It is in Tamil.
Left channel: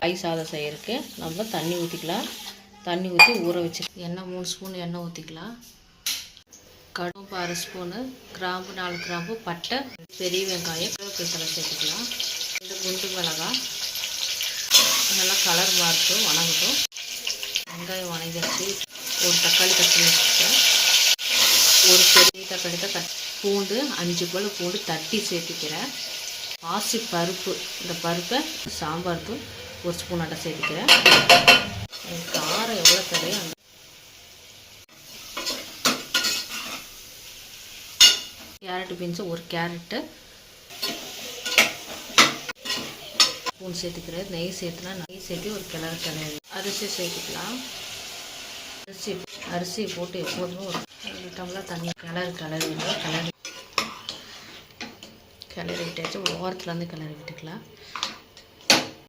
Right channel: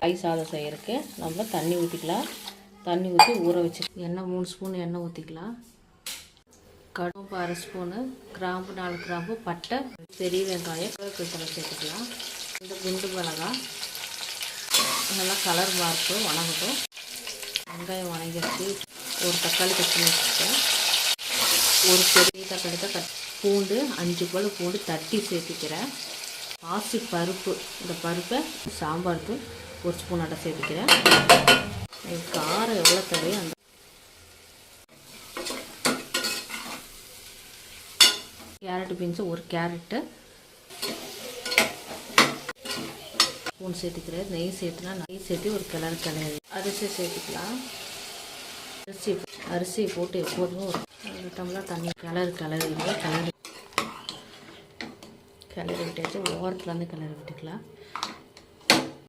காய் சாதம் செய்கிறதுக்கு நம்ம தண்ணி ஊற்றிக்கலாம். தண்ணி ஊற்றி ஊற வச்சு எண்ணெய் 3 ஸ்பூன் எண்ணெய் ஊற்றிக்கலாம். கடுகு 1/2 ஸ்பூனு, கிராம்பு 4 கிராம்பு, பட்டை, பெரிய வெங்காயம், கருவேப்பிலை சேர்த்துக்கலாம். 2 குண்டு மிளகாய் நல்லா கலர் மாறட்டும், வணங்கட்டும். வெங்காயம் வணங்கிடுச்சு. ஒரு தக்காளி கட் பண்ணி வச்சுருக்கேன். ஒரு பெரிய தக்காளி தான் பூண்டு 5 பல் பூண்டு தட்டி சேர்த்துக்கிறேன். பாசி பருப்பு, இந்த பருப்பை சாம்பார் தூள் 1 ஸ்பூன் அட்டை சேர்த்துக்கிறேன். காரம் எவ்வளோ தேவையோ அந்த கேரட் பீன்ஸு 1 கேரட்டு ஸ்பூன் சேர்த்துக்கிறேன். நெய் சேர்த்துலாம். நெய் சேர்த்து ஒரு கிளறி அரிசி சேர்த்துக்கலாம். அரிசியை போட்டு எப்போதுமே ஒரு 2 டம்ளர் தண்ணி கிளறி விட்டாச்சு. ஓரத்துலேருந்து கிளறி விட்டுக்கலாம்.